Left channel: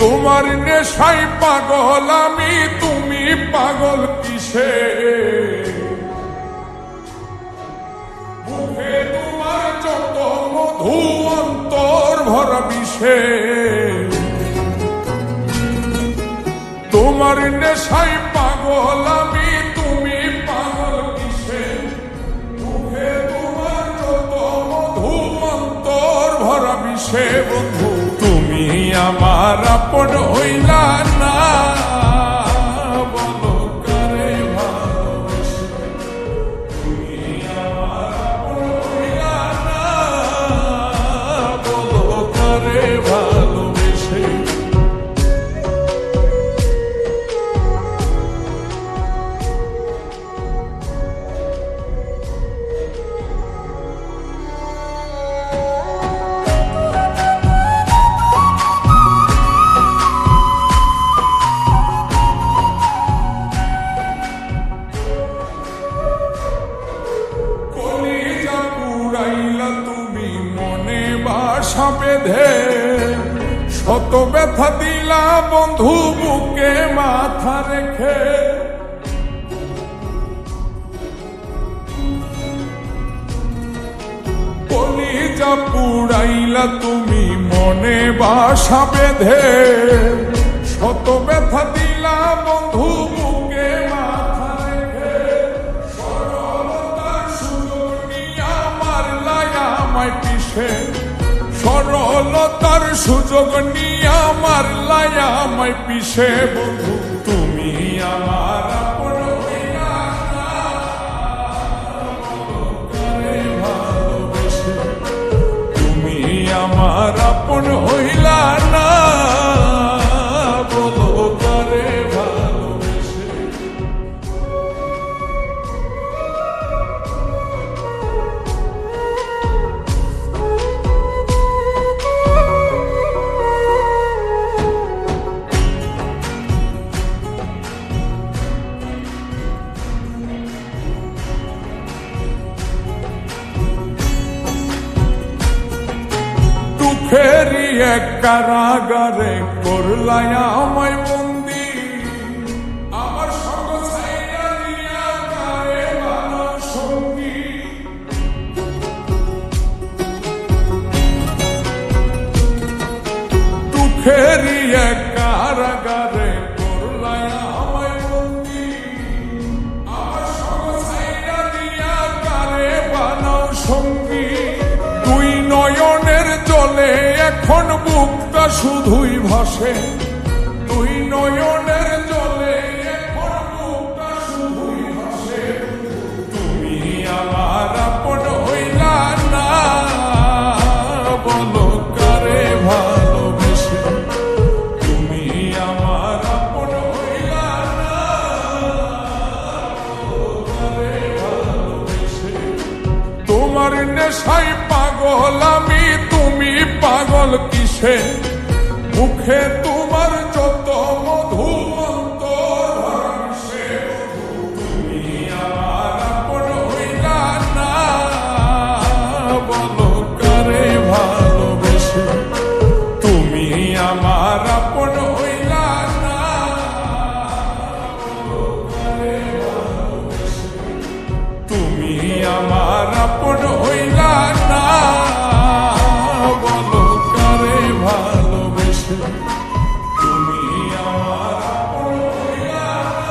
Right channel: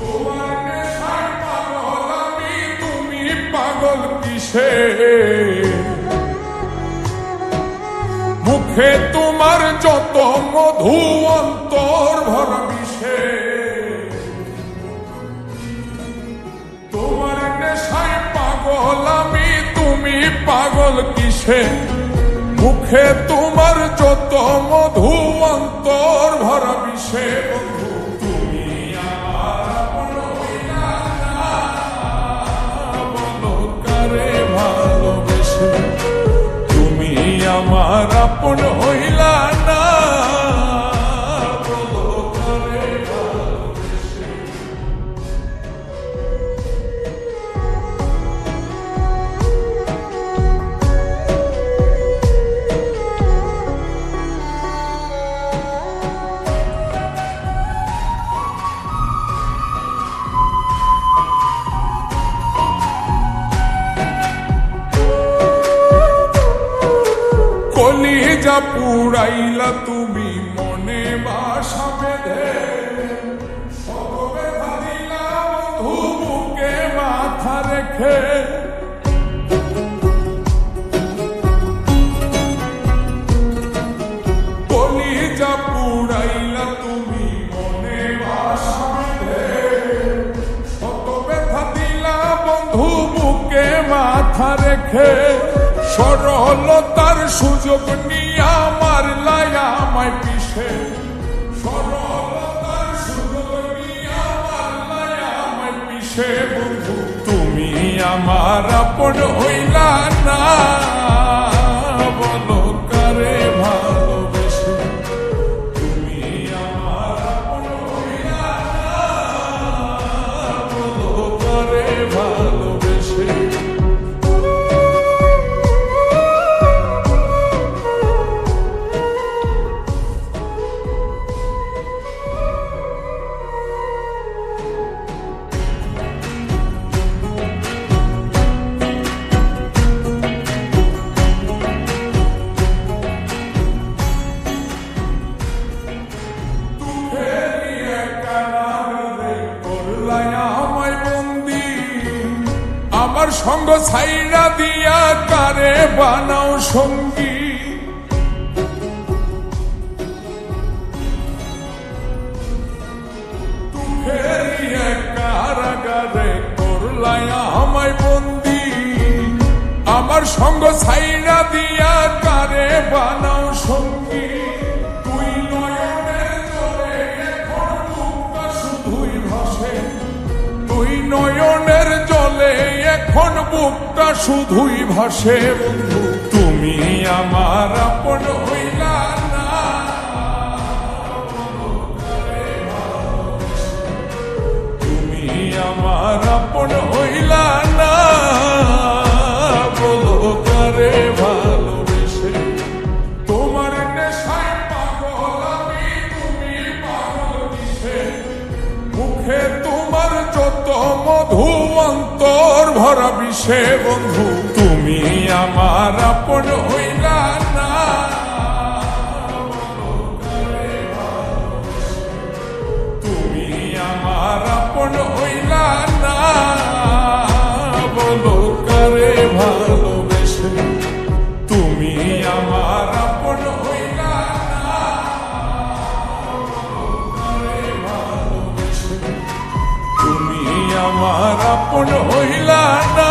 তোমার নেশায় পাগল আমি, তুমি পাগল কিসে? মুখে তোমার যত মধু অন্তর ভরা বিষে। তোমার নেশায় পাগল আমি, তুমি পাগল কিসে? মুখে তোমার যত মধু অন্তর ভরা বিষে। বন্ধু তুমি আমার আপন হইলা না, বলো কারে ভালোবেসে? তুমি আমার আপন হইলা না, বলো কারে ভালোবেসে? কলিজা পুরাইলা তুমি মনে বাসা বেঁধে, শত ব্যথা দিলা বন্ধু বুকে মাথা রেখে। কলিজা পুরাইলা তুমি মনে বাসা বেঁধে, শত ব্যথা দিলা বন্ধু বুকে মাথা রেখে। সরলতার সুযোগ নিয়া মারলাই আমায় পিছে, সরলতার সুযোগ নিয়া মারলাই আমায় পিছে। বন্ধু তুমি আমার আপন হইলা না, বলো কারে ভালোবেসে? তুমি আমার আপন হইলা না, বলো কারে ভালোবেসে? ফেরি এক কারাগারে করলাই আমায় বন্দি, আমার সঙ্গ ছাইরা দিয়া কারে বানাও সঙ্গী। দুঃখেরই এক কারাগারে করলাই আমায় বন্দি, আমার সঙ্গ ছাইরা দিয়া কারে বানাও সঙ্গী। দুই নয়নের জলে এখন বুকটা শুধুই ভাসে, দুই নয়নের জলে এখন বুকটা শুধুই ভাসে। বন্ধু তুমি আমার আপন হইলা না, বলো কারে ভালোবেসে? তুমি আমার আপন হইলা না, বলো কারে ভালোবেসে? তোমার নেশায় পাগল আমি, তুমি পাগল কিসে? মুখে তোমার যত মধু অন্তর ভরা বিষে। বন্ধু তুমি আমার আপন হইলা না, বলো কারে ভালোবেসে? তুমি আমার আপন হইলা না, বলো কারে ভালোবেসে? তুমি আমার আপন হইলা না, বলো কারে ভালোবেসে? তুমি আমার আপন হইলা না।